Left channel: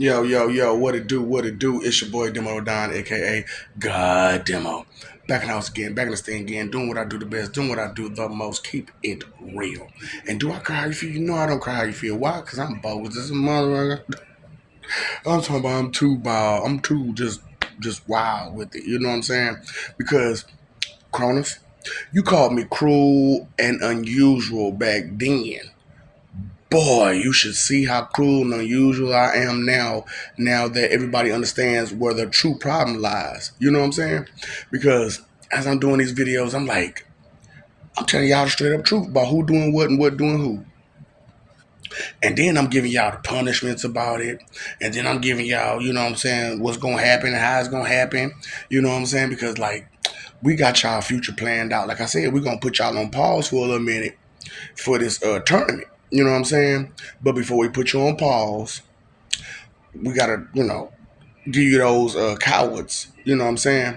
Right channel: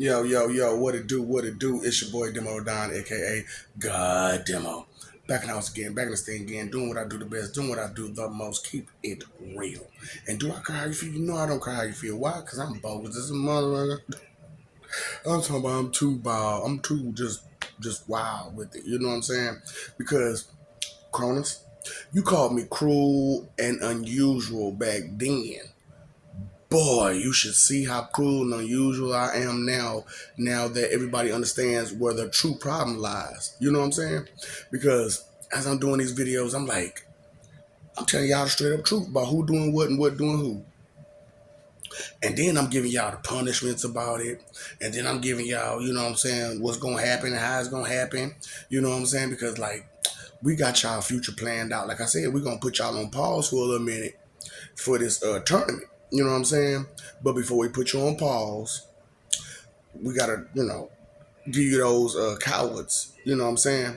Yo, yo, yo, what it do, what it do? It's your boy Demo Don, aka God Demo. Back in the house again, back in this thing again, doing what I do the best, doing what I do the most, keep it real. And do I cry how you feel? You know I don't cry how you feel. Why? Because I'm bogus. This is motherfucker. I'm talking about I'm too wild. I'm too just wild with it. You know what I'm saying? Because Cronus, you called me cruel and unusual back then. Boy, you should see how cruel and unusual I am now. Now that everybody understands where the true problem lies. You know what I'm saying? Because as I'm doing these videos, I'm like, I'm telling y'all the straight up truth about who doing what and what doing who. And then I'm giving y'all the punishments about it. And then I'm giving y'all, you know what I'm saying, what's gonna happen and how it's gonna happen. You know what I'm saying? Because like we got y'all future planned out. Like I said, we're gonna put y'all on pause for a little minute for this tournament. You know what I'm saying? But before we put you on pause, we gotta, give you those cowards. You know what I'm saying?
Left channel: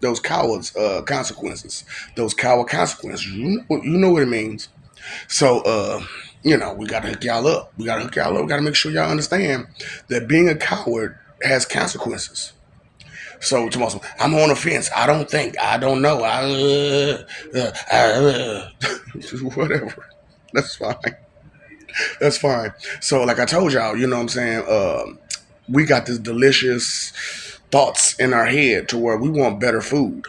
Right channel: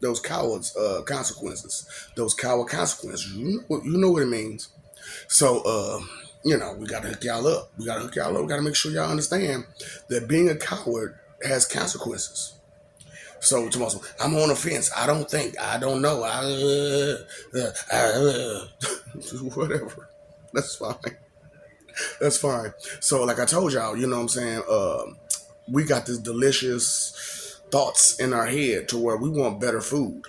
Those cowards consequences. Those coward consequences. You know what it means. So we gotta hook y'all up. We gotta hook y'all up. We gotta make sure y'all understand that being a coward has consequences. So tomorrow, I'm on the fence. I don't think. I don't know. Whatever. That's fine. That's fine. So, like I told y'all, you know what I'm saying? We got this delicious thoughts in our head to where we want better food.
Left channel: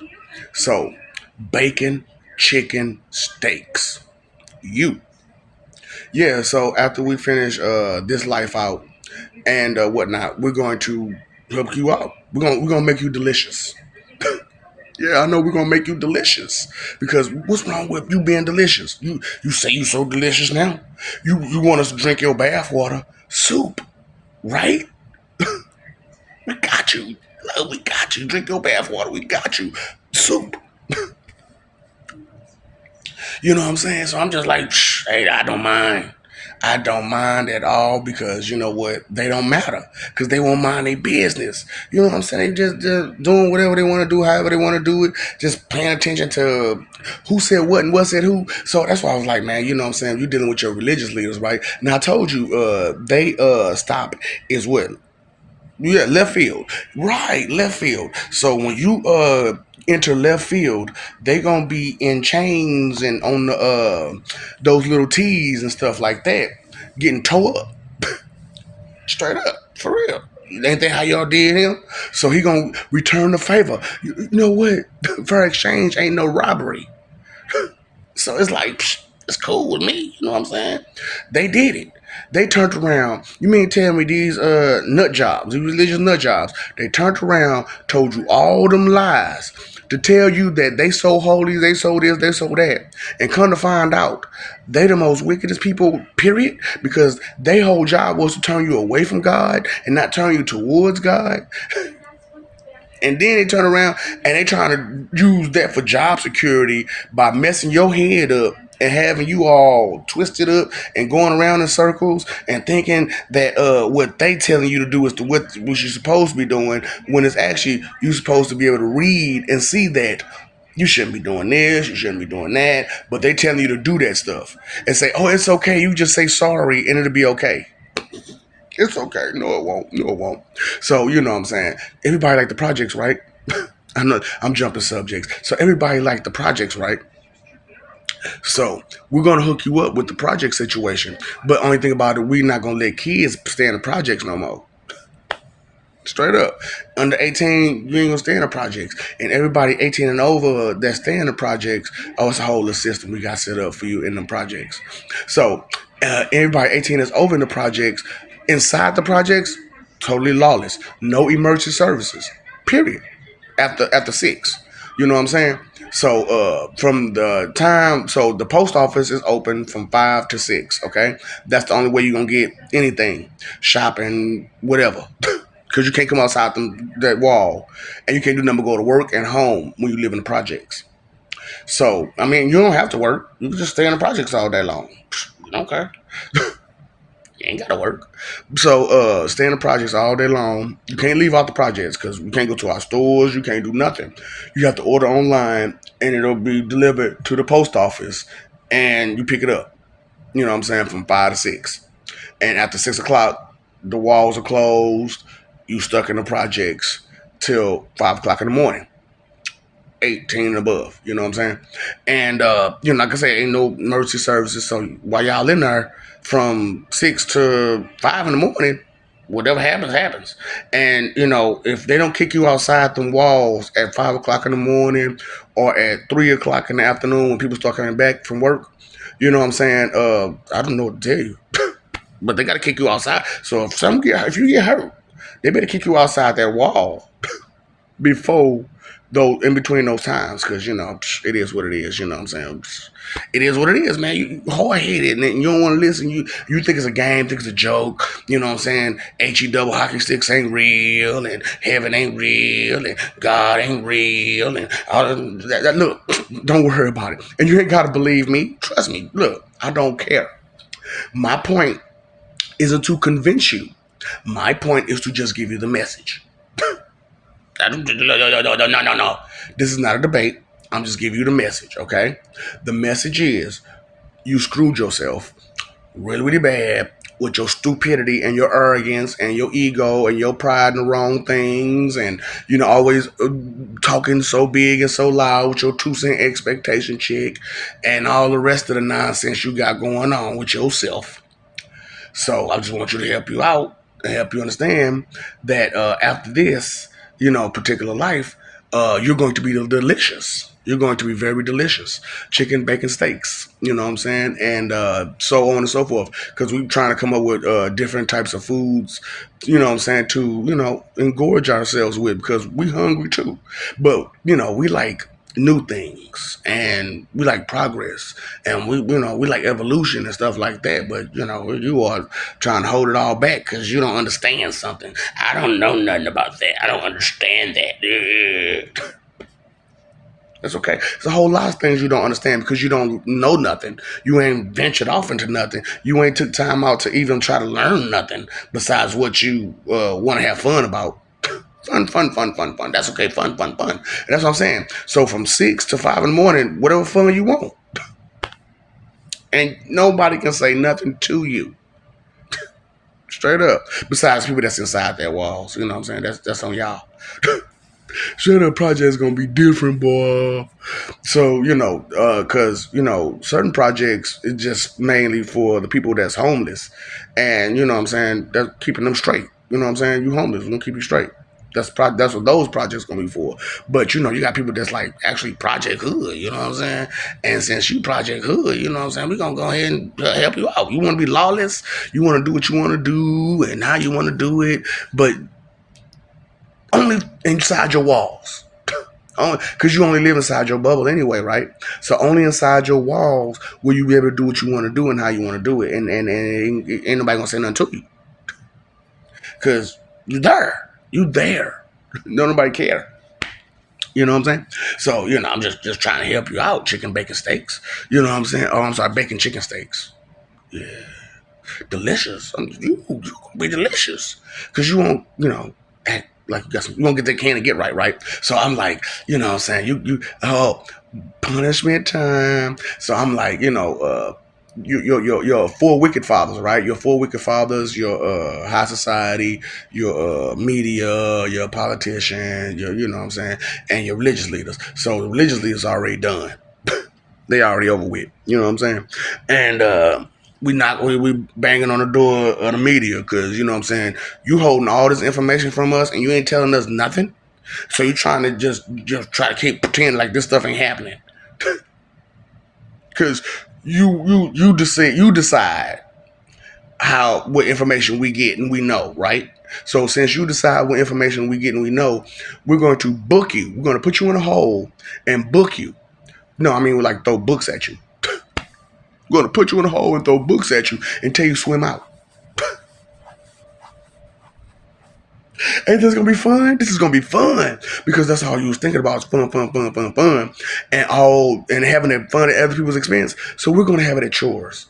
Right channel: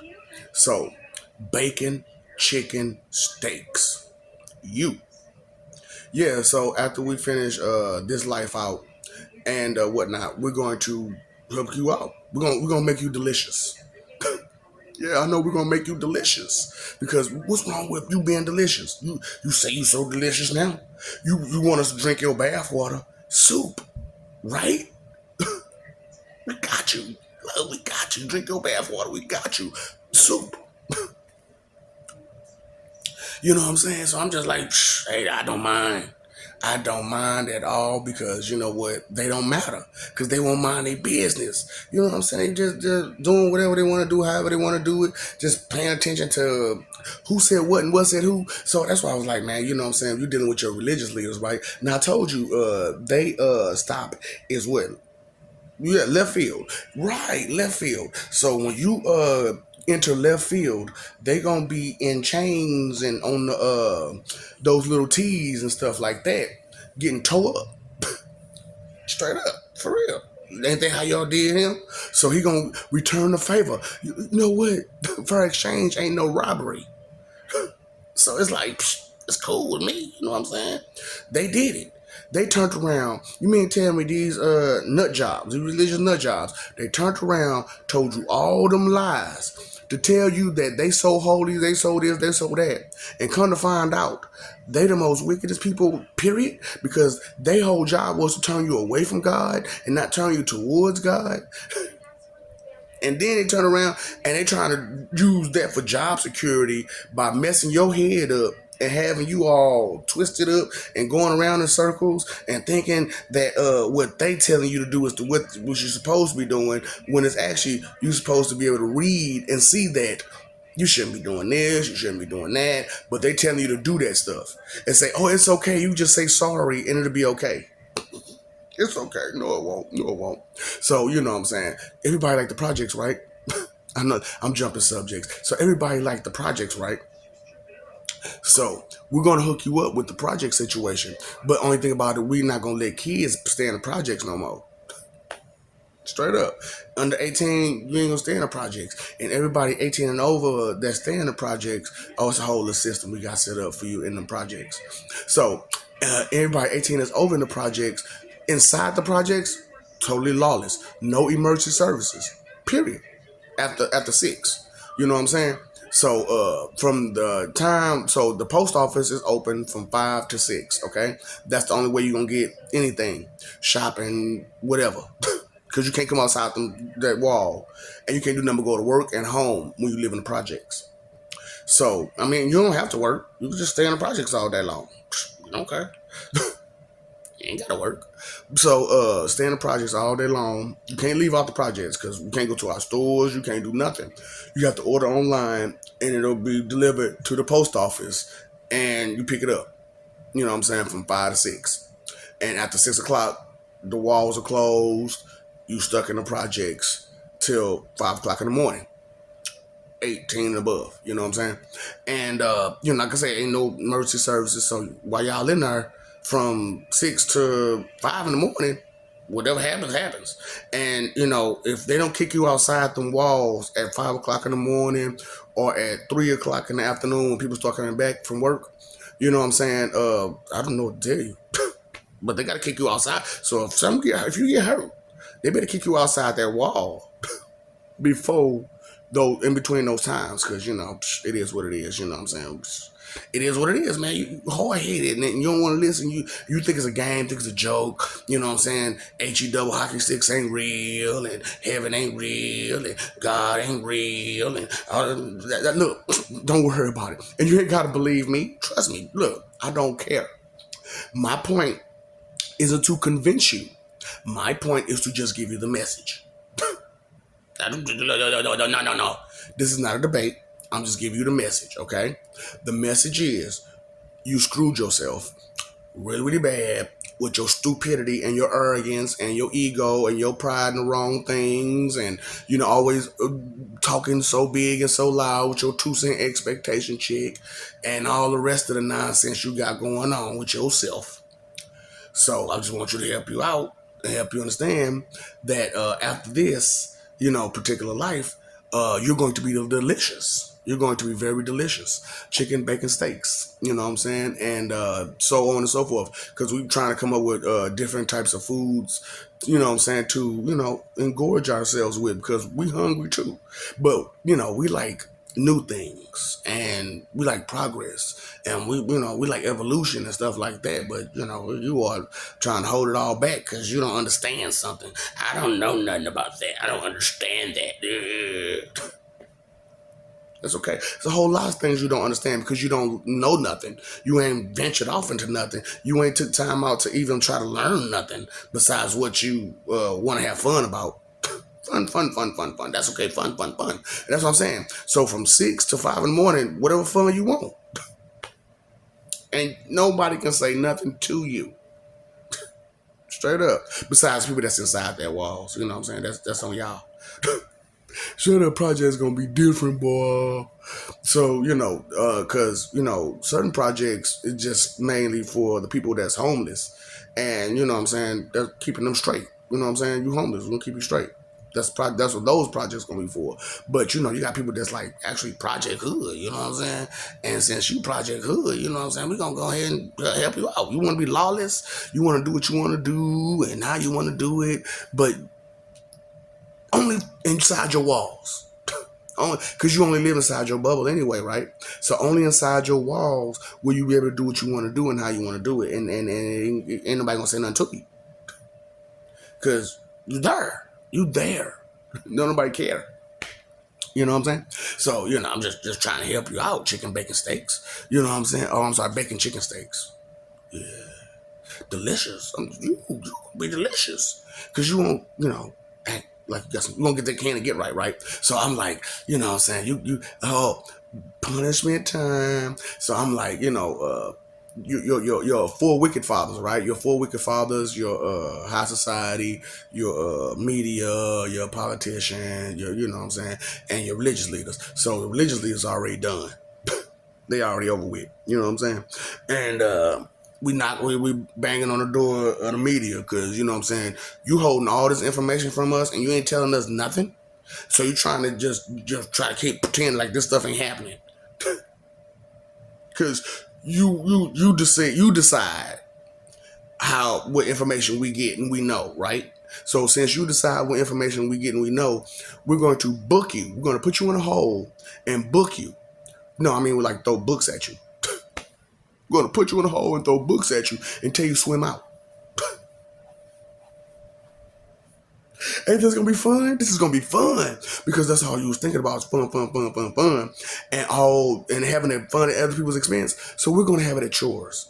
So, bacon, chicken, steaks. You. Yeah, so after we finish this life out and whatnot, we're going to help you out. We're gonna make you delicious. Yeah, I know we're gonna make you delicious. Because what's wrong with you being delicious? You say you so delicious now. You want us to drink your bath water, soup, right? We got you. No, we got you. Drink your bath water. We got you. Soup. You know what I'm saying? So I'm just like, hey, I don't mind. I don't mind at all because you know what? They don't matter because they won't mind their business. You know what I'm saying? They just doing whatever they want to do, however they want to do it, just paying attention to who said what and what said who. So that's why I was like, man, you know what I'm saying? You're dealing with your religious leaders, right? Now I told you, they stop is what. Yeah, left field. Right, left field. So when you enter left field, they gonna be in chains and on the those little T's and stuff like that, getting towed up. Straight up. For real. Ain't that how y'all did him? So he gonna return the favor. You know what? Fair exchange ain't no robbery. So it's like, it's cool with me. You know what I'm saying? They did it. They turned around. You mean tell me these nut jobs, these religious nut jobs, they turned around, told you all them lies to tell you that they so holy, they so this, they so that. And come to find out, they the most wickedest people, period, because their whole job was to turn you away from God and not turn you towards God. And then they turn around and they trying to use that for job security by messing your head up and having you all twisted up and going around in circles and thinking that what they telling you to do is what you're supposed to be doing when it's actually you're supposed to be able to read and see that you shouldn't be doing this, you shouldn't be doing that, but they telling you to do that stuff and say, oh, it's okay, you just say sorry and it'll be okay. It's okay. No, it won't. No, it won't. So, you know what I'm saying? Everybody like the projects, right? I know I'm jumping subjects. So everybody like the projects, right? So we're gonna hook you up with the project situation. But only thing about it, we're not gonna let kids stay in the projects no more. Straight up. Under 18, you ain't gonna stay in the projects. And everybody 18 and over that stay in the projects, oh, it's a whole little system we got set up for you in the projects. So everybody 18 is over in the projects. Inside the projects, totally lawless. No emergency services. Period. After 6. You know what I'm saying? So from the time, so the post office is open from 5 to 6. Okay, that's the only way you're gonna get anything, shopping, whatever. Because you can't come outside that wall, and you can't do nothing but go to work and home when you live in the projects. So I mean, you don't have to work. You can just stay in the projects all day long. Okay, you ain't gotta work. So stay in the projects all day long. You can't leave out the projects because you can't go to our stores. You can't do nothing. You have to order online, and it'll be delivered to the post office, and you pick it up. You know what I'm saying, from 5 to 6, and after 6 o'clock. the walls are closed, you stuck in the projects till 5 o'clock in the morning. 18 and above, you know what I'm saying? And like I said, ain't no emergency services. So while y'all in there from 6 to 5 in the morning, whatever happens, happens. And if they don't kick you outside them walls at 5 o'clock in the morning or at 3 o'clock in the afternoon when people start coming back from work, you know what I'm saying? I don't know what to tell you. But they gotta kick you outside. So if you get hurt, they better kick you outside that wall before though in between those times, because it is what it is. You know what I'm saying? It is what it is, man. You hard headed and you don't want to listen. You think it's a game, think it's a joke. You know what I'm saying? HE double hockey sticks ain't real, and heaven ain't real, and God ain't real, and all that. Look, don't worry about it. And you ain't gotta believe me. Trust me. Look, I don't care. My point isn't to convince you. My point is to just give you the message. No. This is not a debate. I'm just giving you the message, okay? The message is you screwed yourself really, really bad with your stupidity and your arrogance and your ego and your pride in the wrong things and, always talking so big and so loud with your 2 cent expectation chick and all the rest of the nonsense you got going on with yourself. So I just want you to help you out and help you understand that after this, particular life, you're going to be delicious. You're going to be very delicious. Chicken, bacon, steaks. You know what I'm saying? And so on and so forth. Because we're trying to come up with different types of foods, you know what I'm saying, to, engorge ourselves with because we hungry too. But, we like new things and we like progress and we like evolution and stuff like that, but you are trying to hold it all back because you don't understand something. I don't know nothing about that. I don't understand that. That's okay. There's a whole lot of things you don't understand because you don't know nothing. You ain't ventured off into nothing. You ain't took time out to even try to learn nothing besides what you want to have fun about. Fun. That's okay. Fun. And that's what I'm saying. So from 6 to 5 in the morning, whatever fun you want. And nobody can say nothing to you. Straight up. Besides people that's inside their walls. You know what I'm saying? That's on y'all. Sure, the project's gonna be different, boy. So, because, certain projects is just mainly for the people that's homeless. And, you know what I'm saying? That's keeping them straight. You know what I'm saying? You homeless, we're gonna keep you straight. That's what those projects gonna be for. But you got people that's like actually Project Hood, you know what I'm saying? And since you Project Hood, you know what I'm saying, we're gonna go ahead and help you out. You wanna be lawless, you wanna do what you wanna do and how you wanna do it, but only inside your walls. Because you only live inside your bubble anyway, right? So only inside your walls will you be able to do what you want to do and how you want to do it. And ain't nobody gonna say nothing to you. Because you're there. You there. Don't nobody care. You know what I'm saying? So, I'm just trying to help you out. Chicken, bacon, steaks. You know what I'm saying? Oh, I'm sorry, bacon, chicken, steaks. Yeah. Delicious. You gonna be delicious. Because you won't, act like you won't get that can to get right? So I'm like, you know what I'm saying? Punishment time. So I'm like, your 4 wicked fathers, right? Your 4 wicked fathers, your high society, your media, your politicians, you know what I'm saying, and your religious leaders. So the religious leaders are already done. They already over with. You know what I'm saying? And we banging on the door of the media because, you know what I'm saying, you holding all this information from us and you ain't telling us nothing. So you trying to just try to keep pretending like this stuff ain't happening. Because you decide what information we get and we know, right? So since you decide what information we get and we know, we're going to book you. We're going to put you in a hole and book you. No, I mean, we like throw books at you. We're going to put you in a hole and throw books at you until you swim out. Ain't this going to be fun? This is going to be fun because that's all you was thinking about is fun. And having that fun at other people's expense. So we're going to have it at yours.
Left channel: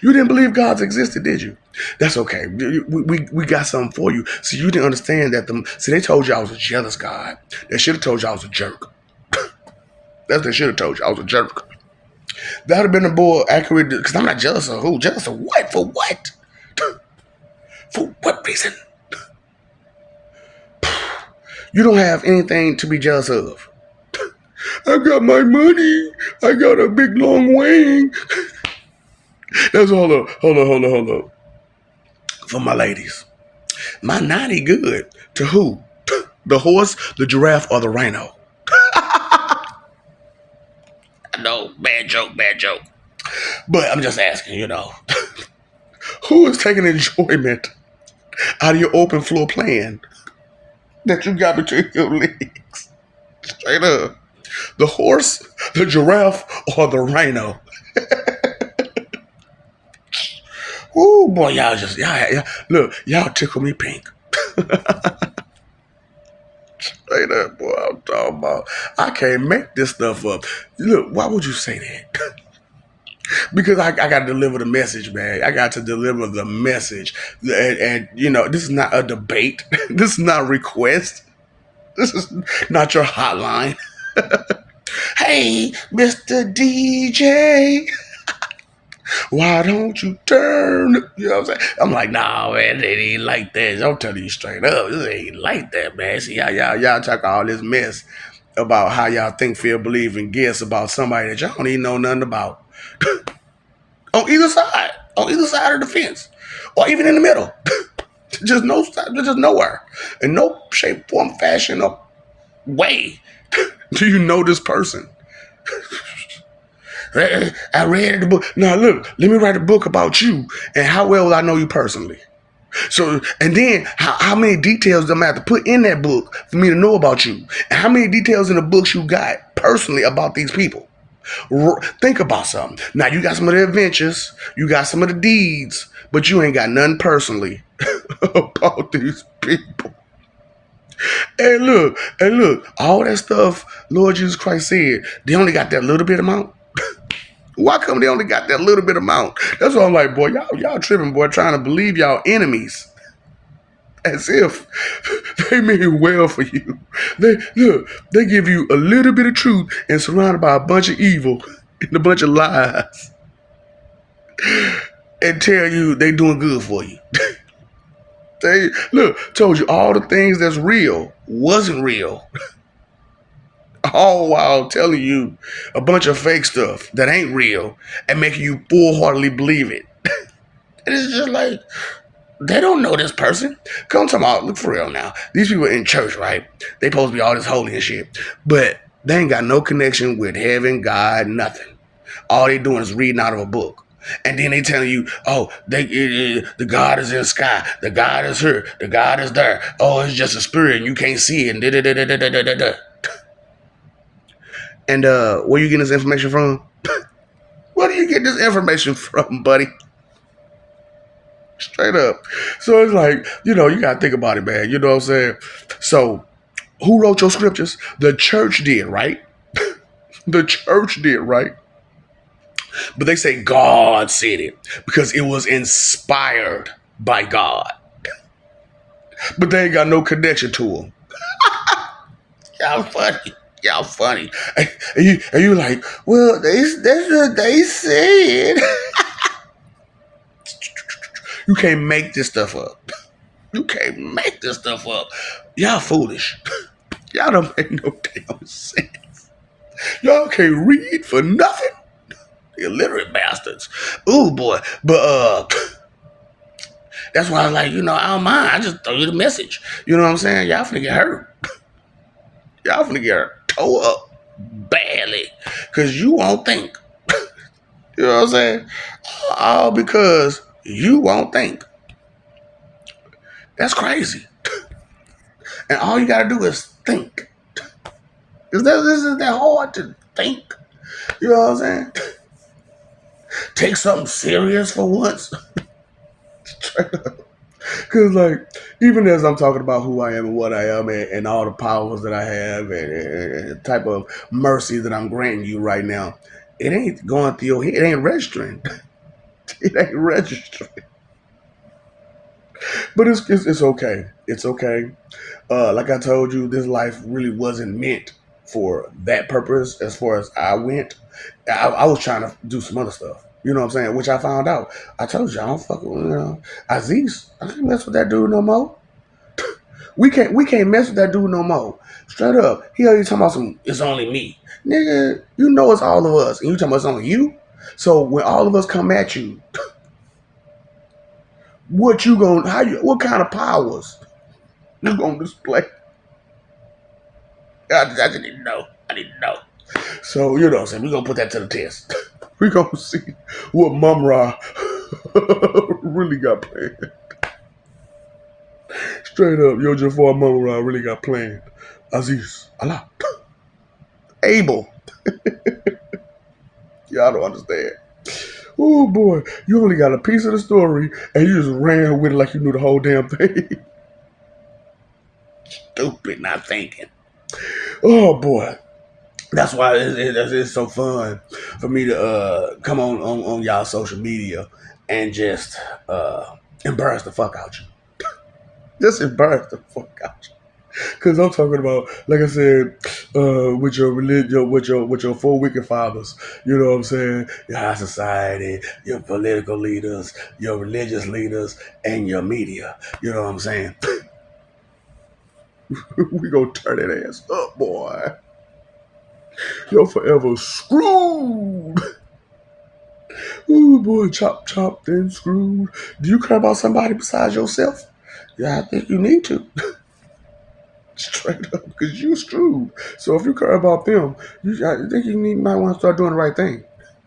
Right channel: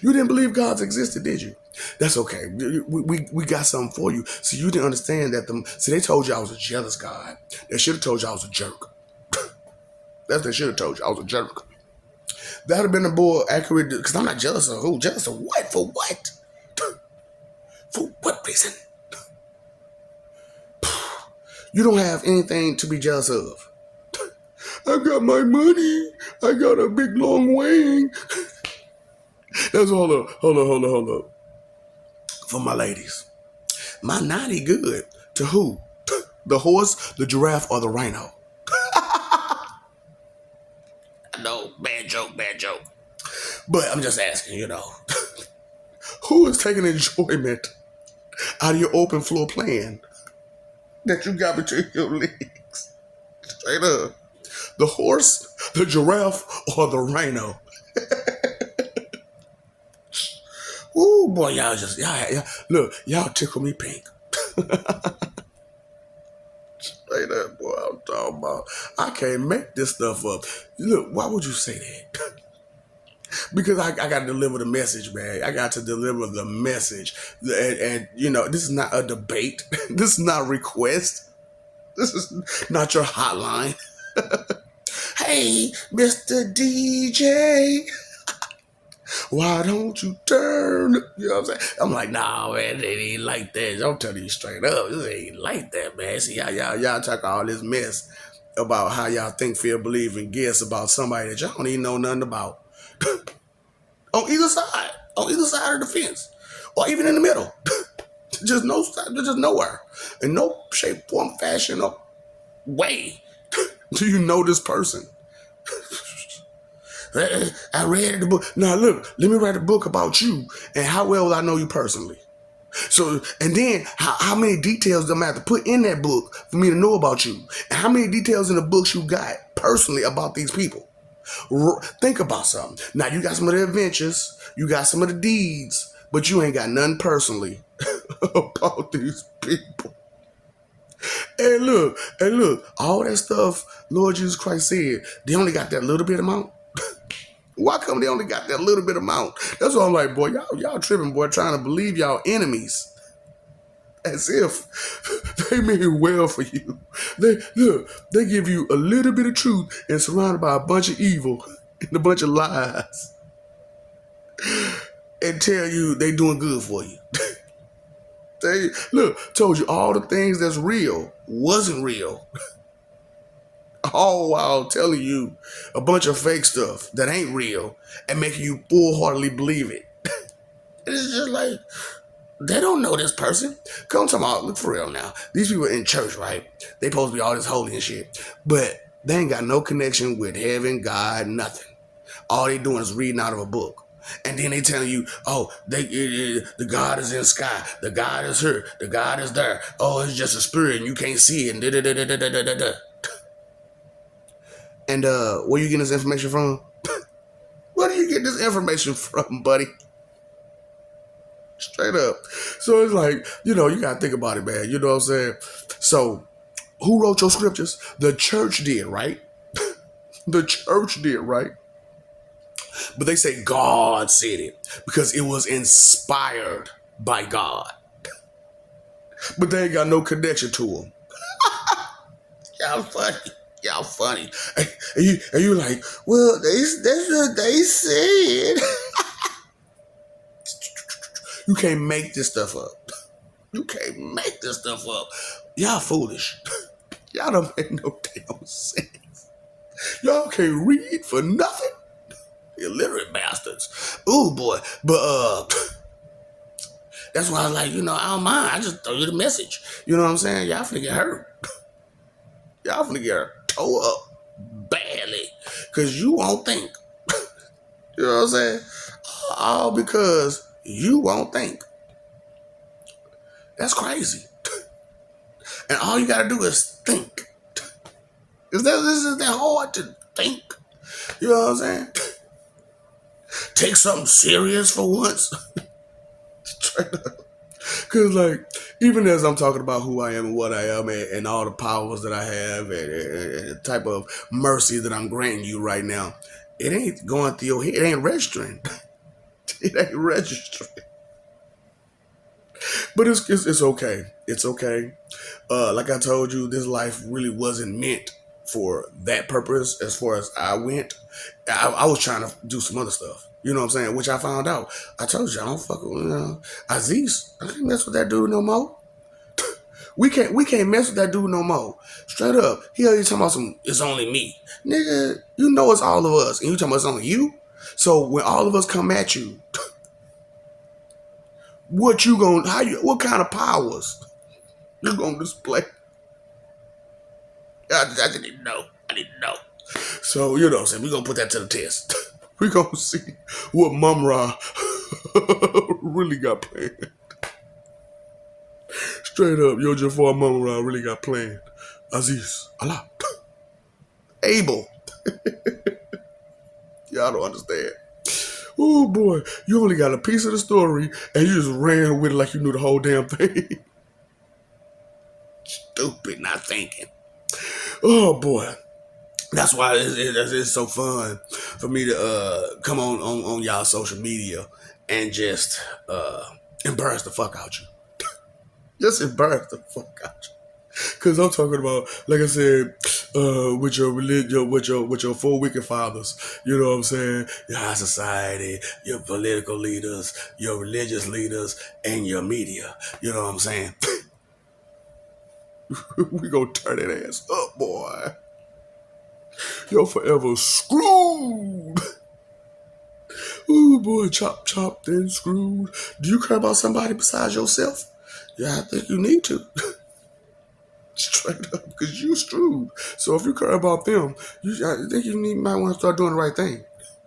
You didn't believe God's existed, did you? That's okay. We got something for you. So you didn't understand that they told you I was a jealous God. They should have told you I was a jerk. That's what they should have told you. I was a jerk. That would have been a more accurate, because I'm not jealous of who. Jealous of what? For what? For what reason? You don't have anything to be jealous of. I got my money. I got a big long wing. That's hold up. For my ladies. My 90 good. To who? The horse, the giraffe, or the rhino? No, bad joke, bad joke. But I'm just asking, who is taking enjoyment out of your open floor plan that you got between your legs? Straight up. The horse, the giraffe, or the rhino? Ooh, boy, y'all look, y'all tickle me pink. Straight up, boy, I'm talking about. I can't make this stuff up. Look, why would you say that? Because I got to deliver the message, man. I got to deliver the message. And this is not a debate. This is not a request. This is not your hotline. Hey, Mr. DJ, why don't you turn? You know what I'm saying? I'm like, nah, man, it ain't like that. I'm telling you straight up, it ain't like that, man. See how y'all talk all this mess about how y'all think, feel, believe, and guess about somebody that y'all don't even know nothing about. On either side of the fence, or even in the middle. just nowhere. In no shape, form, fashion, or way do you know this person. I read the book. Now look, let me write a book about you, and how well will I know you personally? So, and then how many details do I have to put in that book for me to know about you? And how many details in the books you got personally about these people? Think about something. Now, you got some of the adventures, you got some of the deeds, but you ain't got nothing personally about these people. And look, all that stuff Lord Jesus Christ said, they only got that little bit amount. Why come they only got that little bit amount? That's why I'm like, boy, y'all tripping, boy, trying to believe y'all enemies as if they mean well for you. They give you a little bit of truth and surrounded by a bunch of evil and a bunch of lies and tell you they doing good for you. They told you all the things that's real wasn't real. All while telling you a bunch of fake stuff that ain't real and making you full-heartedly believe it. And it's just like, they don't know this person. Come to my look for real now. These people in church, right? They supposed to be all this holy and shit. But they ain't got no connection with heaven, God, nothing. All they doing is reading out of a book. And then they telling you, oh, the God is in the sky. The God is here. The God is there. Oh, it's just a spirit and you can't see it. And And where you getting this information from? Where do you get this information from, buddy? Straight up. So it's like, you got to think about it, man. You know what I'm saying? So who wrote your scriptures? The church did, right? The church did, right? But they say God said it because it was inspired by God. But they ain't got no connection to him. Y'all funny. Y'all funny. And you like, well, that's what they said. You can't make this stuff up. You can't make this stuff up. Y'all foolish. Y'all don't make no damn sense. Y'all can't read for nothing. Illiterate bastards. Ooh, boy. But that's why I was like, I don't mind. I just throw you the message. You know what I'm saying? Y'all finna get hurt. Y'all finna get tore up badly. Because you won't think. You know what I'm saying? All because you won't think. That's crazy. And all you gotta do is think. This is that hard to think. You know what I'm saying? Take something serious for once. Straight up. Because, like, even as I'm talking about who I am and what I am and all the powers that I have and the type of mercy that I'm granting you right now, it ain't going through your head. It ain't registering. It ain't registering. But it's okay. It's okay. Like I told you, this life really wasn't meant for that purpose as far as I went. I was trying to do some other stuff. You know what I'm saying? Which I found out. I told you I don't fuck with Aziz. I can't mess with that dude no more. We can't mess with that dude no more. Straight up. He already talking about some it's only me. Nigga, you know it's all of us. And you talking about it's only you? So when all of us come at you, what kind of powers you gonna display? I didn't know. I didn't know. So, you know what I'm saying? We're gonna put that to the test. We're gonna see what Mum Ra really got planned. Straight up, Yo Jafar Mum Ra really got planned. Aziz, Allah, Abel. Y'all don't understand. Oh boy, you only got a piece of the story and you just ran with it like you knew the whole damn thing. Stupid, not thinking. Oh boy. That's why it's so fun for me to come on y'all social media and just embarrass the fuck out you. Just embarrass the fuck out you. Cause I'm talking about, like I said, with your religion, with your four wicked fathers. You know what I'm saying? Your high society, your political leaders, your religious leaders, and your media. You know what I'm saying? We gonna turn that ass up, boy. You're forever screwed. Ooh, boy, chop, chop, then screwed. Do you care about somebody besides yourself? Yeah, I think you need to. Straight up, because you screwed. So if you care about them, I think might want to start doing the right thing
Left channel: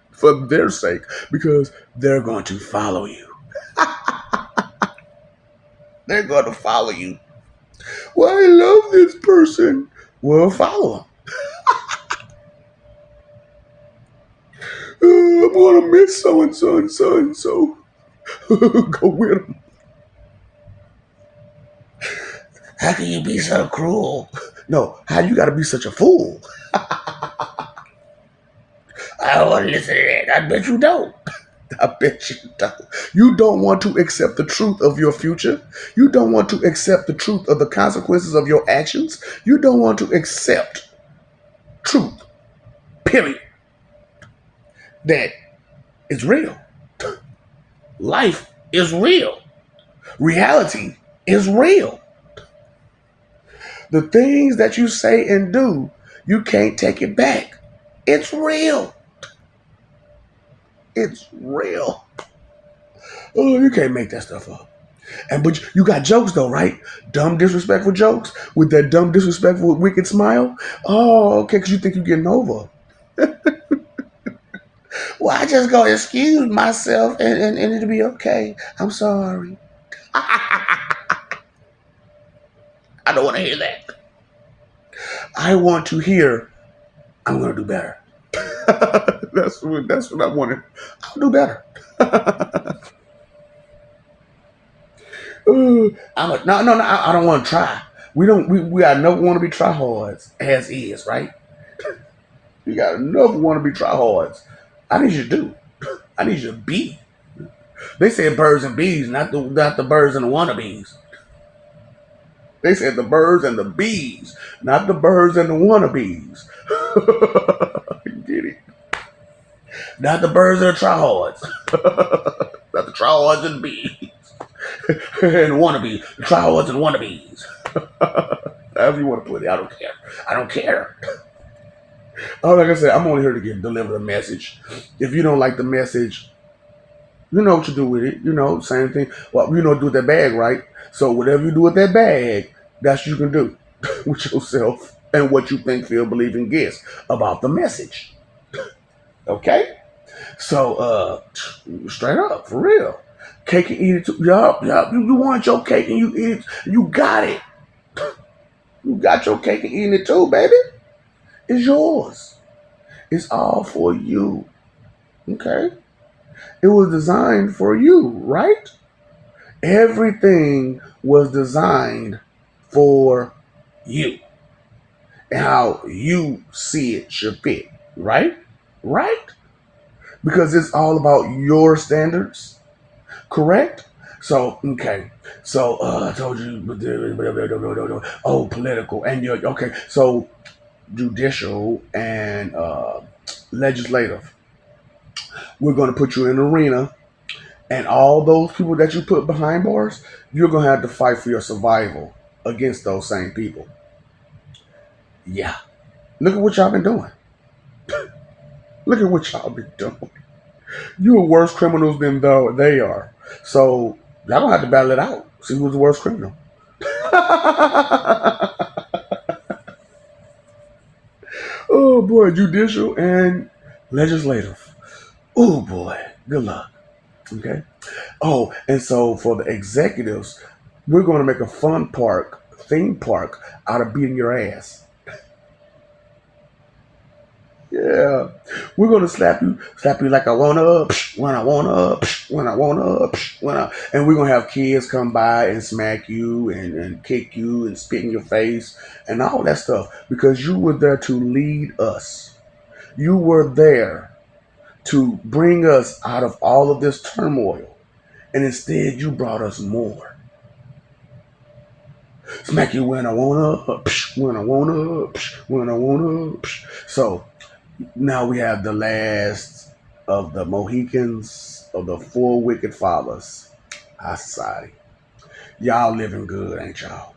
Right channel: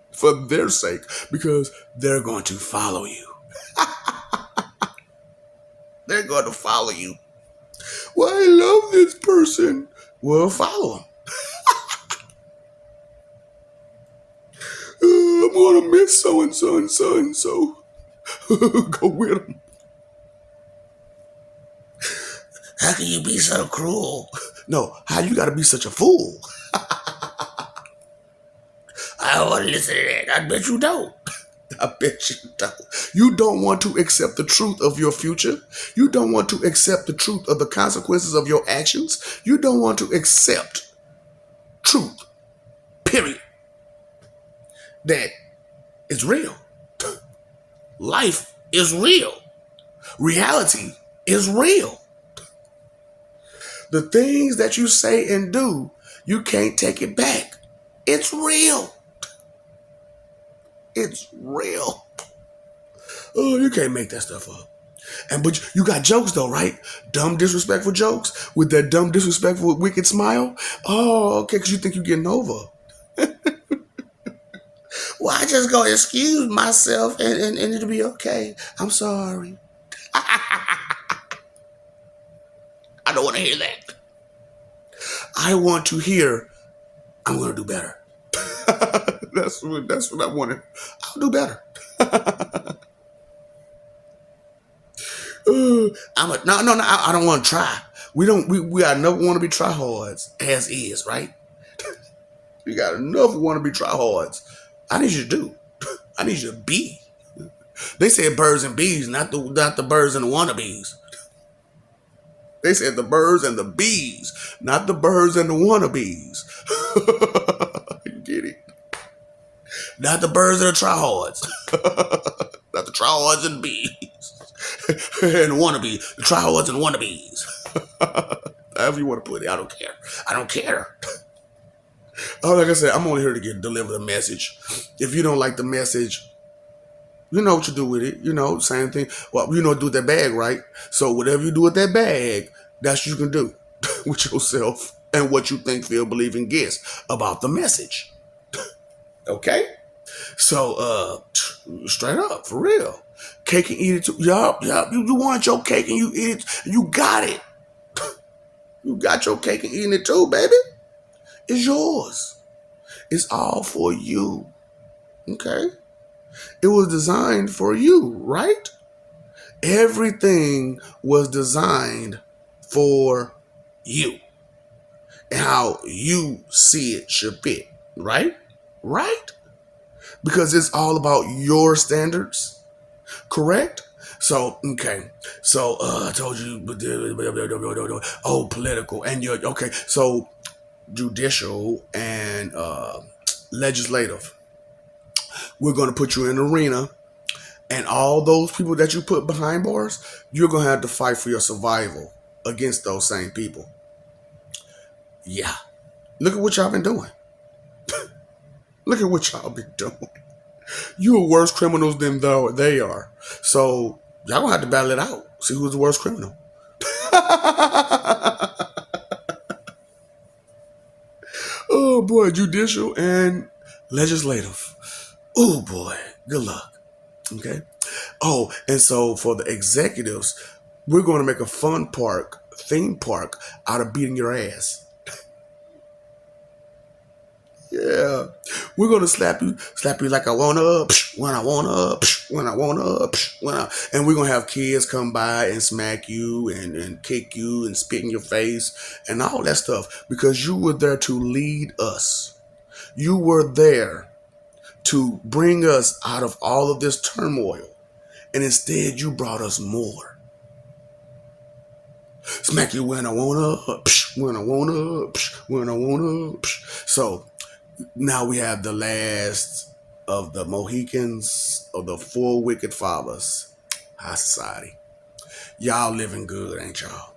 for their sake, because they're going to follow you. They're going to follow you. Well, I love this person. Well, follow them. I'm going to miss so and so and so and so. Go with them. How can you be so cruel? No, how you got to be such a fool? I don't want to listen to that. I bet you don't. I bet you don't. You don't want to accept the truth of your future. You don't want to accept the truth of the consequences of your actions. You don't want to accept truth, period. That is real. Life is real. Reality is real. The things that you say and do, you can't take it back. It's real. It's real. Oh, you can't make that stuff up. But you got jokes though, right? Dumb, disrespectful jokes with that dumb, disrespectful, wicked smile. Oh, okay, because you think you're getting over. Well, I just go excuse myself and it'll be okay. I'm sorry. I don't want to hear that. I want to hear, I'm going to do better. That's what I wanted. I'll do better. No, I don't want to try. We never want to be tryhards as is, right? We got enough want to be tryhards. I need you to do. I need you to be. They said birds and bees, not the birds and the wannabes. They said the birds and the bees, not the birds and the wannabes. You get it? Not the birds and the tryhards. Not the tryhards and the bees. And the wannabes. The tryhards and wannabes. However you want to put it, I don't care. I don't care. Oh, like I said, I'm only here to deliver a message. If you don't like the message, you know what you do with it. You know, same thing. Well, you know, do with that bag, right? So whatever you do with that bag, that's what you can do with yourself and what you think, feel, believe, and guess about the message. Okay? So, straight up, for real. Cake and eat it too. Yup. You want your cake and you eat it. You got it. You got your cake and eating it too, baby. It's yours. It's all for you. Okay? It was designed for you, right? Everything was designed for you and how you see it should fit, right? Right? Because it's all about your standards, correct? So, okay. So, I told you, oh, political. And you're, okay, so judicial and legislative. We're going to put you in an arena, and all those people that you put behind bars, you're going to have to fight for your survival against those same people. Yeah. Look at what y'all been doing. Look at what y'all been doing. You are worse criminals than though they are. So y'all gonna have to battle it out. See who's the worst criminal. Oh boy, judicial and legislative. Oh boy, good luck. Okay. Oh, and so for the executives, we're going to make a theme park out of beating your ass. Yeah, we're gonna slap you like I wanna, when I wanna, when I wanna, and we're gonna have kids come by and smack you and kick you and spit in your face and all that stuff because you were there to lead us. You were there to bring us out of all of this turmoil, and instead you brought us more. Smack you when I wanna, when I wanna, when I wanna. So now we have the last of the Mohicans of the four wicked fathers. High society. Y'all living good, ain't y'all?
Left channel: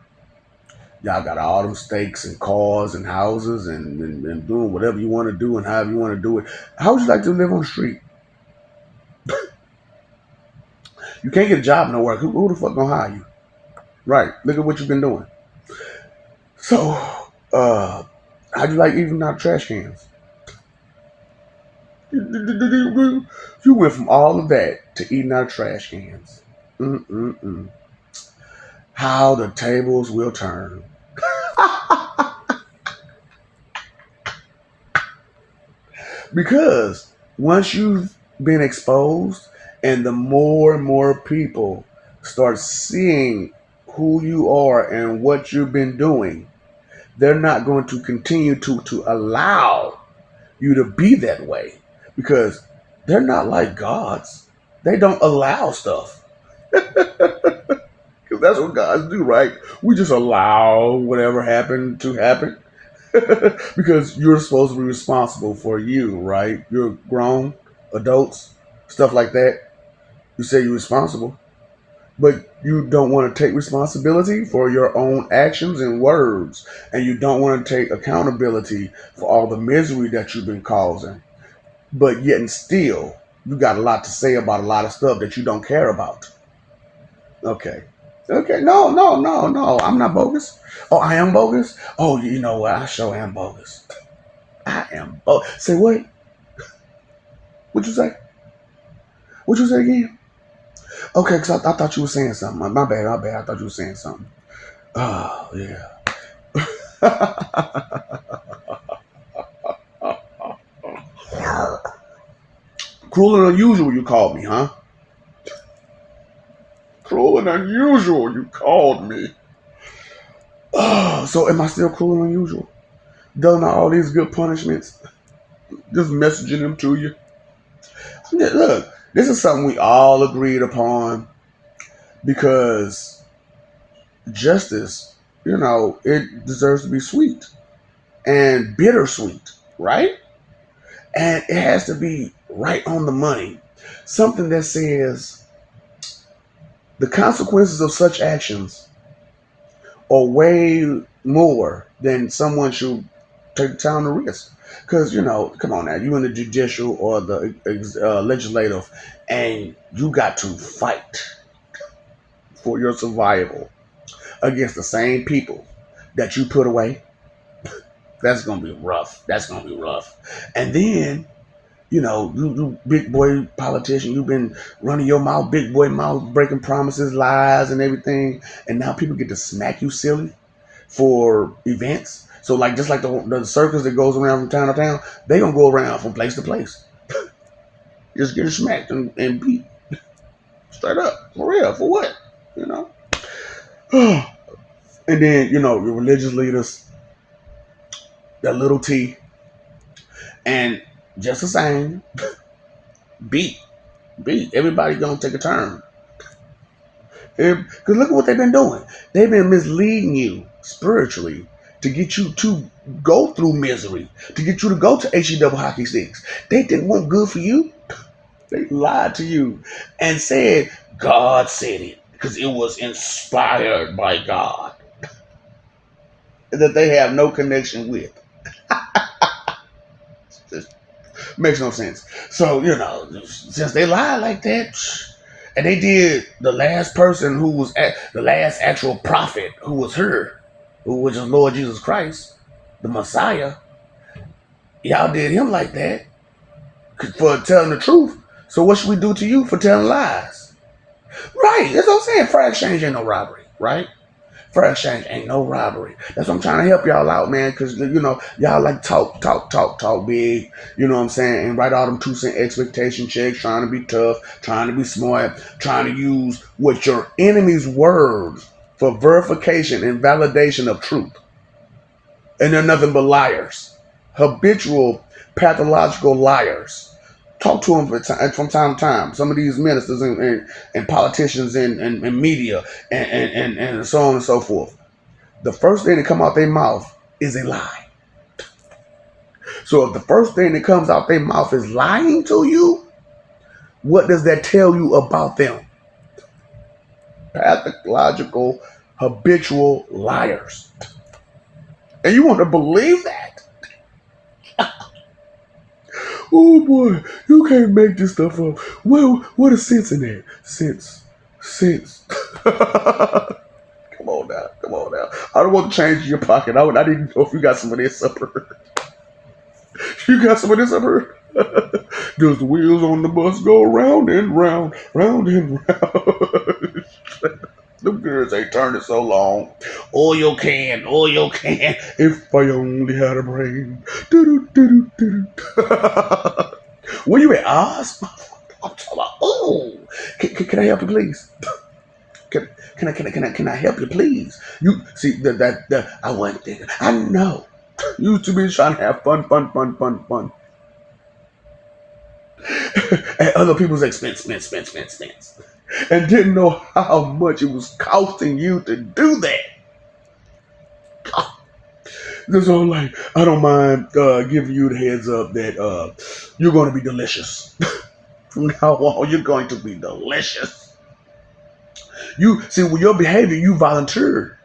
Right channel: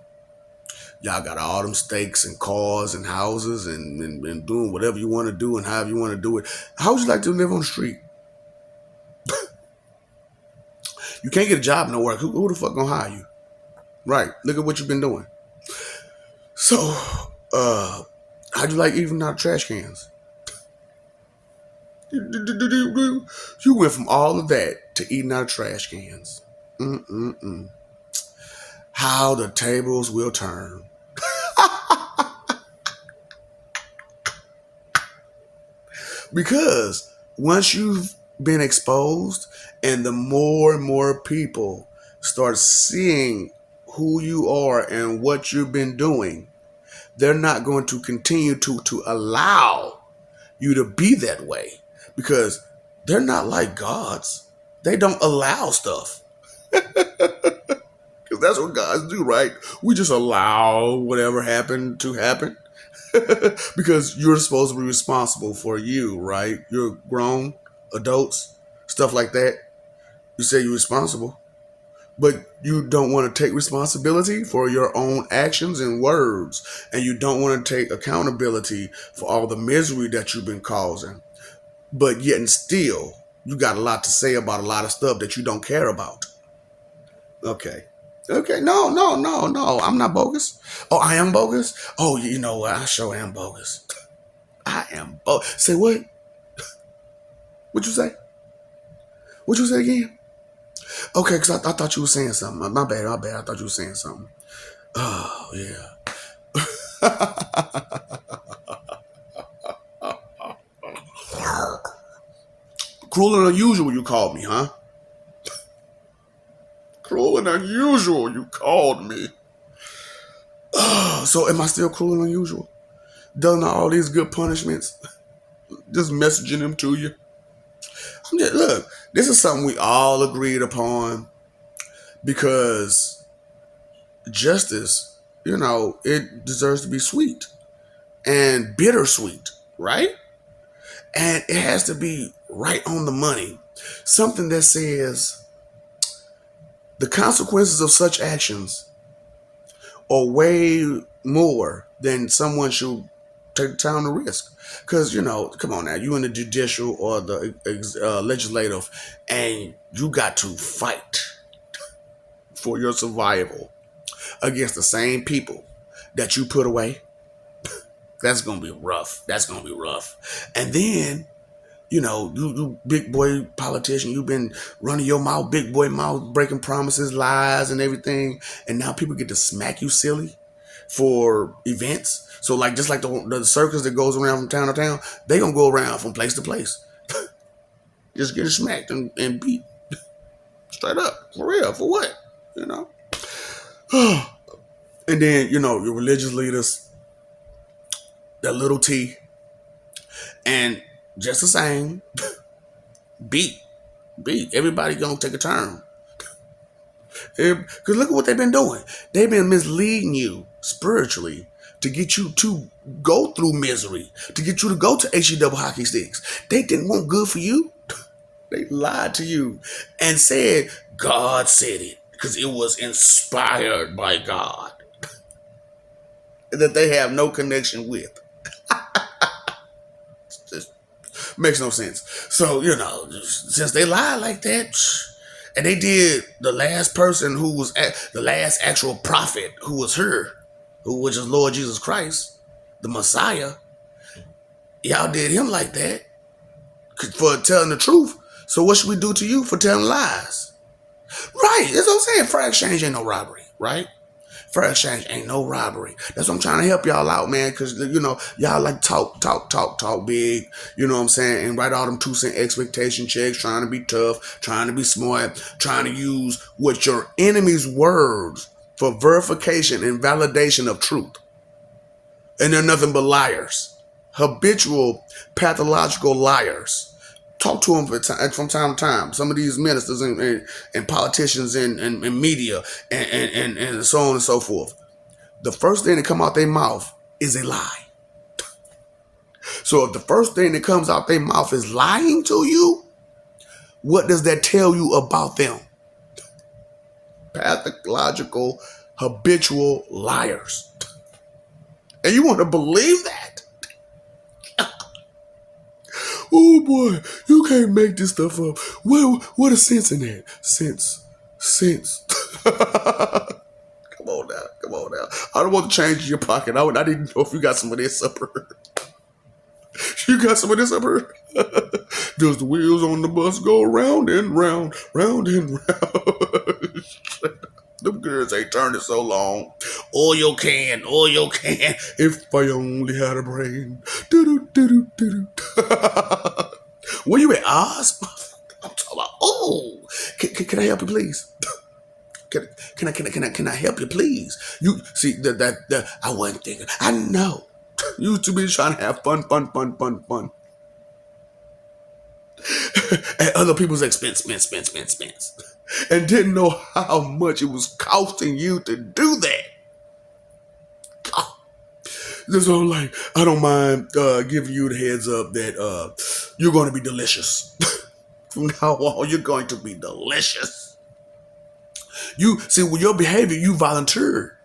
Y'all got all them stakes and cars and houses and doing whatever you want to do and however you want to do it. How would you like to live on the street? You can't get a job nowhere. Who the fuck gonna hire you? Right. Look at what you've been doing. So, how'd you like eating out of trash cans? You went from all of that to eating out of trash cans. How the tables will turn. Because once you've been exposed and the more and more people start seeing who you are and what you've been doing, they're not going to continue to allow you to be that way because they're not like gods. They don't allow stuff. Because that's what gods do, right? We just allow whatever happened to happen. Because you're supposed to be responsible for you, right? You're grown adults, stuff like that. You say you're responsible, but you don't want to take responsibility for your own actions and words, and you don't want to take accountability for all the misery that you've been causing. But yet and still, you got a lot to say about a lot of stuff that you don't care about. Okay. Okay, no. I'm not bogus. Oh, I am bogus? Oh, you know what? I sure am bogus. I am bogus. Say what? What you say? What you say again? Okay, because I thought you were saying something. My bad. I thought you were saying something. Oh, yeah. Cruel and unusual, you called me, huh? Cruel and unusual, you called me. Oh, so am I still cruel and unusual? Doing all these good punishments, just messaging them to you. Look, this is something we all agreed upon because justice, it deserves to be sweet and bittersweet, right? And it has to be right on the money. Something that says the consequences of such actions are way more than someone should take time to risk. Because, come on now, you in the judicial or the legislative, and you got to fight for your survival against the same people that you put away. That's going to be rough. And then, you big boy politician, you've been running your mouth, big boy mouth, breaking promises, lies, and everything. And now people get to smack you silly for events. So just like the circus that goes around from town to town, they gonna go around from place to place. Just getting smacked and beat. Straight up. For real. For what? And then, your religious leaders, that little T, and just the same, beat. Everybody gonna take a turn. Because look at what they've been doing. They've been misleading you spiritually to get you to go through misery, to get you to go to HE double hockey sticks. They didn't want good for you. They lied to you and said God said it because it was inspired by God that they have no connection with. Just makes no sense. So, since they lied like that, and they did the last person who was the last actual prophet who was her, which is Lord Jesus Christ, the Messiah, y'all did him like that for telling the truth. So what should we do to you for telling lies? Right, that's what I'm saying. Fair exchange ain't no robbery, right? Fair exchange ain't no robbery. That's what I'm trying to help y'all out, man, because, y'all like talk big, you know what I'm saying, and write all them 2-cent expectation checks, trying to be tough, trying to be smart, trying to use what your enemy's words for verification and validation of truth. And they're nothing but liars. Habitual, pathological liars. Talk to them from time to time. Some of these ministers and politicians and media and so on and so forth. The first thing that come out their mouth is a lie. So if the first thing that comes out their mouth is lying to you, what does that tell you about them? Pathological, habitual liars. And you want to believe that? Oh boy, you can't make this stuff up. What is sense in there? Sense. Come on now. I don't want to change your pocket. I didn't know if you got some of this up here. You got some of this up here? Does the wheels on the bus go round and round, round and round? Them girls ain't turning so long. Oil can. If I only had a brain. Where you at, Oz? I'm talking about. Oh, can I help you, please? Can I help you, please? You see that I wasn't thinking. I know. You two be trying to have fun. At other people's expense. And didn't know how much it was costing you to do that. This is like, I don't mind giving you the heads up that you're going to be delicious. From now on, you're going to be delicious. You see, with your behavior, you volunteered.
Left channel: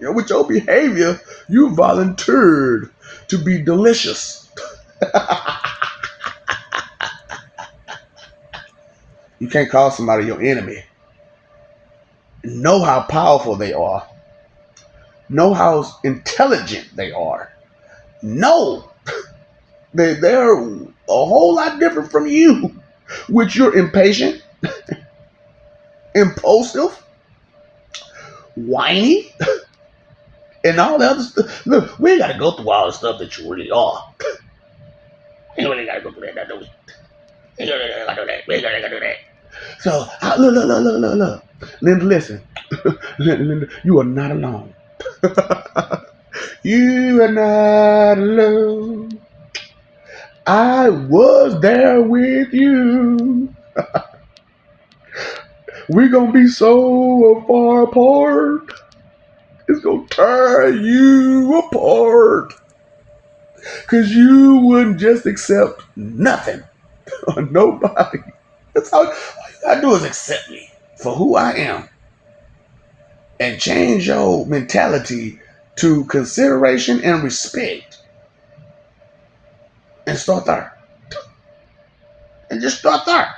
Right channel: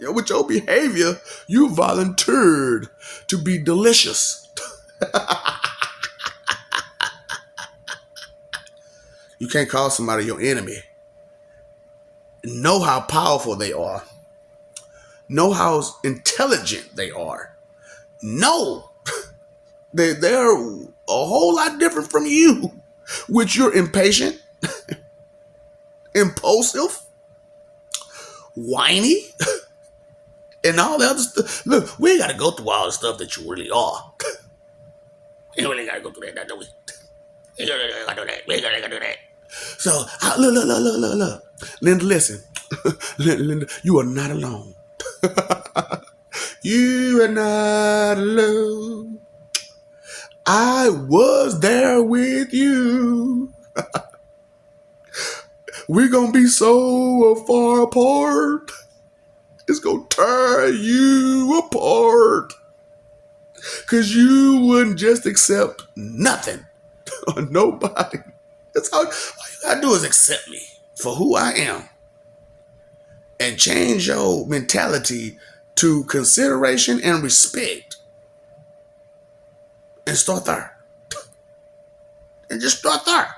With your behavior, you volunteered to be delicious. You can't call somebody your enemy. Know how powerful they are. Know how intelligent they are. Know that they're a whole lot different from you, which you're impatient, impulsive, whiny, and all the other stuff. Look, we ain't got to go through all the stuff that you really are. We ain't really got to go through that, do we? We ain't got to do that. So, look. Linda, listen. Linda, you are not alone. You are not alone. I was there with you. We're going to be so far apart. It's going to tear you apart. Because you wouldn't just accept nothing or nobody. That's all you got to do is accept me for who I am. And change your mentality to consideration and respect. And start there. And just start there.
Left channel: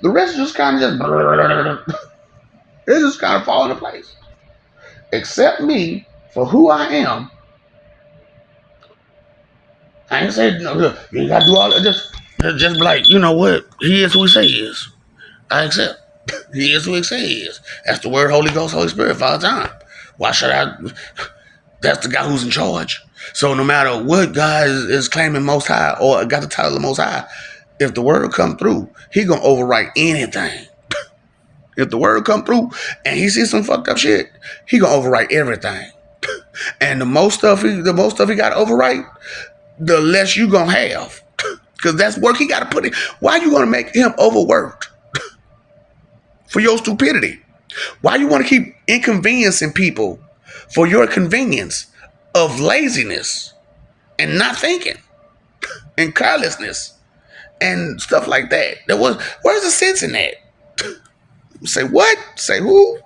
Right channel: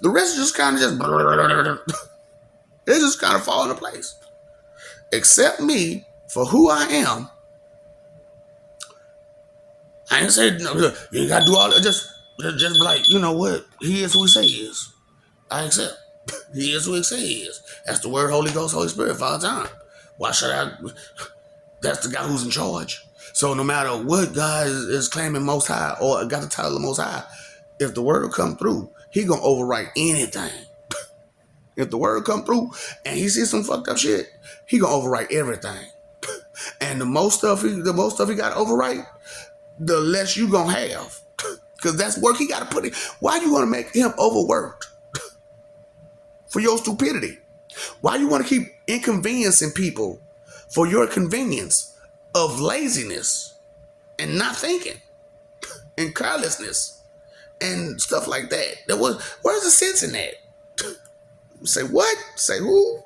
The rest is just kind of it just kind of fall into place. Accept me for who I am. I ain't saying no, you ain't gotta do all that. Just be like, you know what? He is who he say he is. I accept. He is who he say he is. That's the word Holy Ghost, Holy Spirit for all the time. Why should I? That's the guy who's in charge. So no matter what God is claiming Most High or got the title of Most High, if the word come through, he gonna overwrite anything. If the word come through and he sees some fucked up shit, he gonna overwrite everything. And the most stuff he got to overwrite, the less you gonna have, because that's work he got to put in. Why you gonna make him overworked for your stupidity? Why you want to keep inconveniencing people for your convenience of laziness and not thinking and carelessness and stuff like that. Where's the sense in that? Say what? Say who?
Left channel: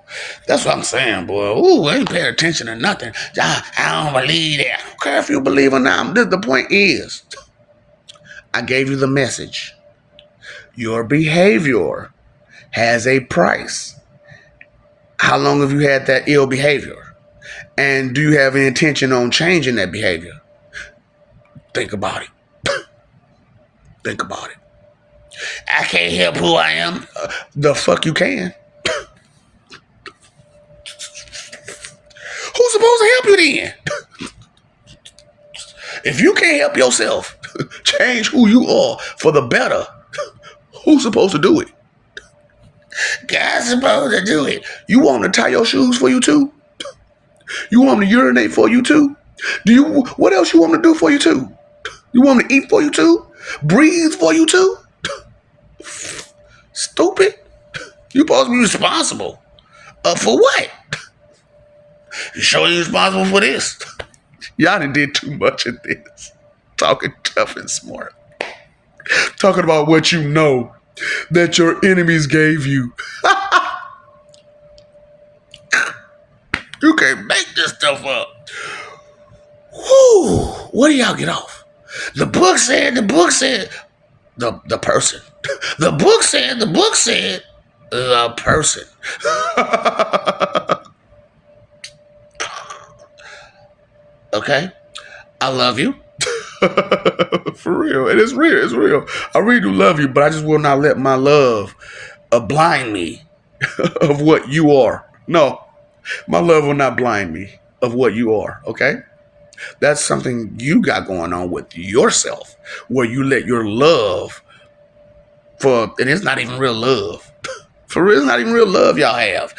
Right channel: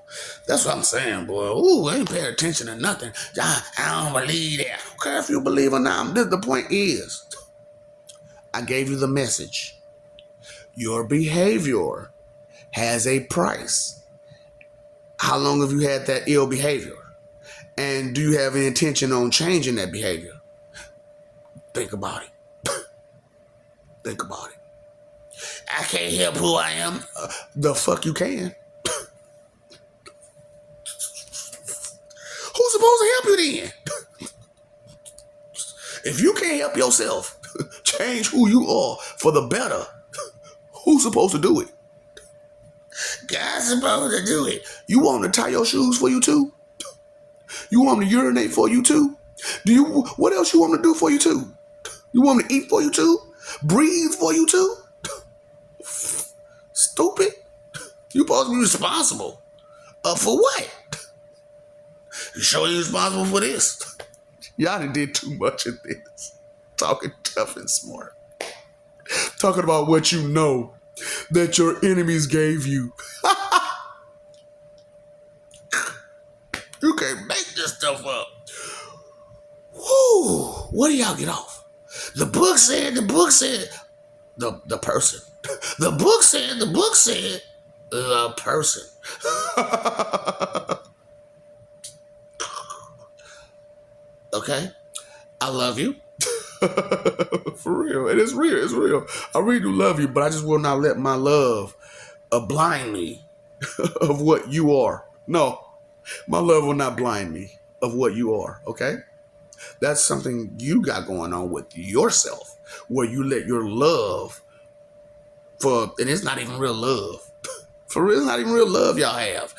That's what I'm saying, boy. Ooh, I ain't paying attention to nothing. I don't believe that. I don't care if you believe or not. The point is, I gave you the message. Your behavior has a price. How long have you had that ill behavior? And do you have any intention on changing that behavior? Think about it. Think about it. I can't help who I am. The fuck you can. Who's supposed to help you then? If you can't help yourself, change who you are for the better, who's supposed to do it? God's supposed to do it. You want him to tie your shoes for you too? You want him to urinate for you too? What else you want him to do for you too? You want him to eat for you too? Breathe for you too? Stupid. You supposed to be responsible. For what? You sure you're responsible for this? Y'all done did too much of this. Talking tough and smart. Talking about what you know that your enemies gave you. You can't make this stuff up. Whew. What do y'all get off? The book said, the person. The book said, the person. Okay? I love you. For real. It is real. It's real. I really do love you, but I just will not let my love blind me of what you are. No. My love will not blind me of what you are. Okay? That's something you got going on with yourself, where you let your love and it's not even real love. For real, it's not even real love y'all have.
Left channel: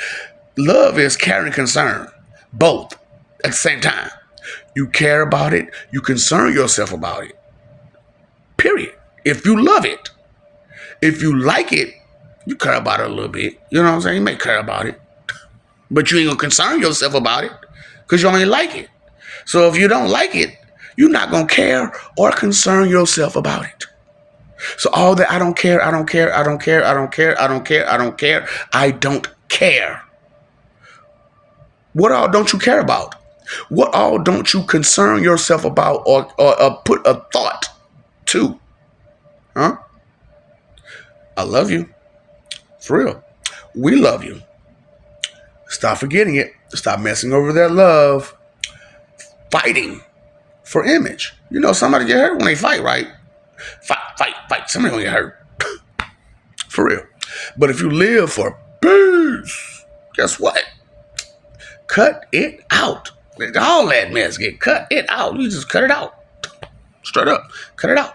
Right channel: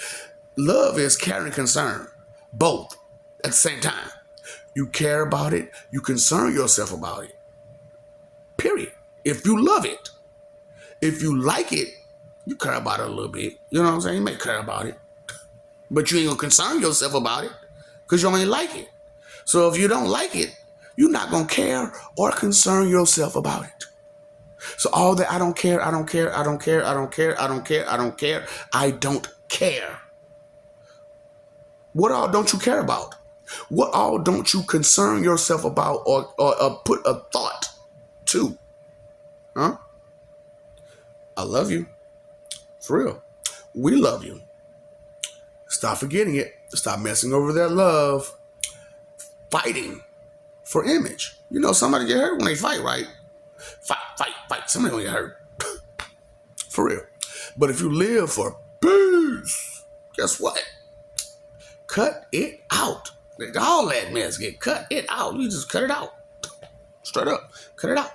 Love is care and concern. Both at the same time. You care about it. You concern yourself about it. Period. If you love it. If you like it, you care about it a little bit. You know what I'm saying? You may care about it. But you ain't going to concern yourself about it because you only like it. So if you don't like it, you're not going to care or concern yourself about it. So all that I don't care. I don't care. What all don't you care about? What all don't you concern yourself about or put a thought to? Huh? I love you. For real. We love you. Stop forgetting it. Stop messing over that love. Fighting for image. You know, somebody get hurt when they fight, right? Fight. Somebody gonna get hurt. For real. But if you live for peace, guess what? Cut it out. All that mess cut it out. You just cut it out. Straight up. Cut it out.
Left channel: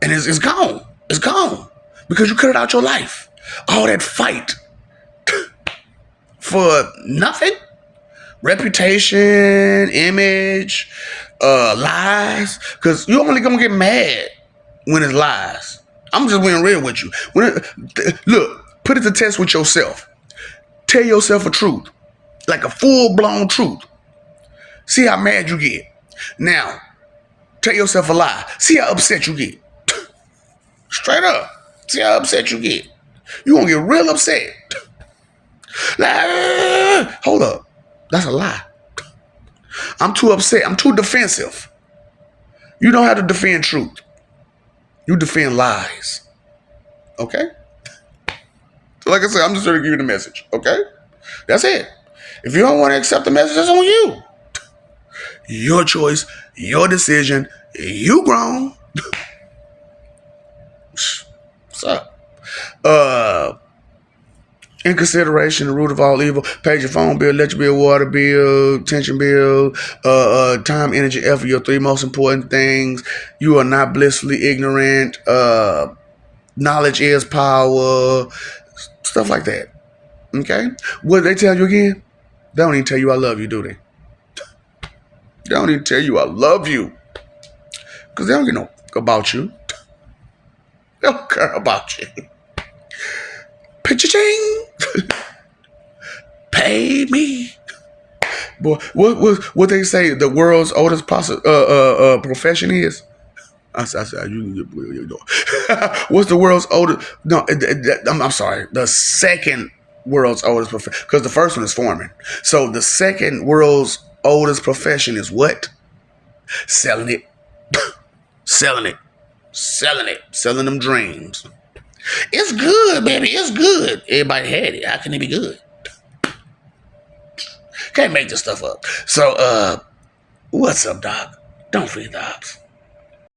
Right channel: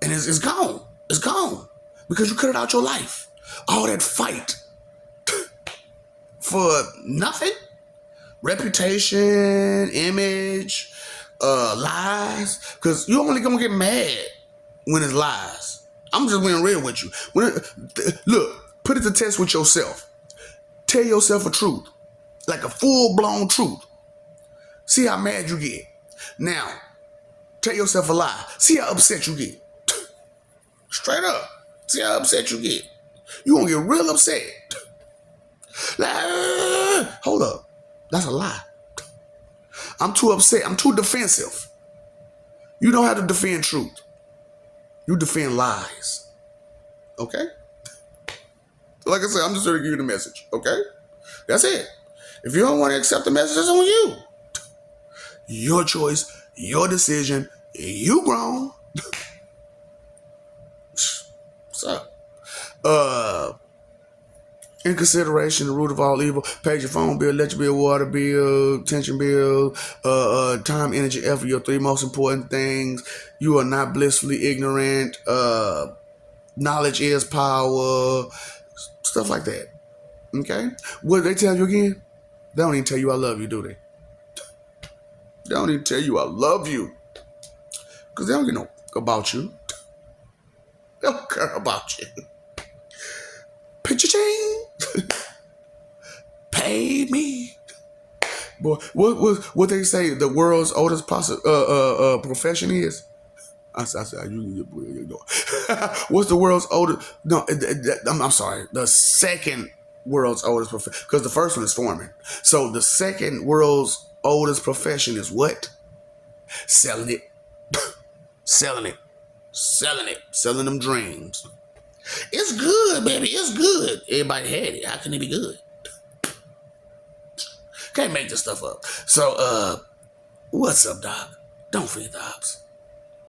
And it's gone. It's gone. Because you cut it out your life. All that fight for nothing. Reputation, image, lies. Because you're only going to get mad when it's lies. I'm just being real with you. Look, put it to test with yourself. Tell yourself a truth. Like a full-blown truth. See how mad you get. Now, tell yourself a lie. See how upset you get. Straight up. See how upset you get. You're going to get real upset. Hold up. That's a lie. I'm too upset. I'm too defensive. You don't have to defend truth. You defend lies. Okay? Like I said, I'm just trying to give you the message. Okay? That's it. If you don't want to accept the message, that's on you. Your choice, your decision, you grown. What's up? In consideration, the root of all evil, pay your phone bill, electric bill, water bill, tension bill, time, energy, effort, your three most important things. You are not blissfully ignorant. Knowledge is power. Stuff like that. Okay? What they tell you again? They don't even tell you I love you, do they? They don't even tell you I love you. Because they don't get no about you. They don't care about you. Pitcha-ching. Pay me. Boy, what they say the world's oldest profession is? I said, you know. What's the world's oldest? No, I'm sorry. The second world's oldest profession, because the first one is foreman. So the second world's oldest profession is what? Selling it. Selling it. Selling it. Selling them dreams. It's good, baby. It's good. Everybody had it. How can it be good? Can't make this stuff up. So, what's up, Doc? Don't forget the ops.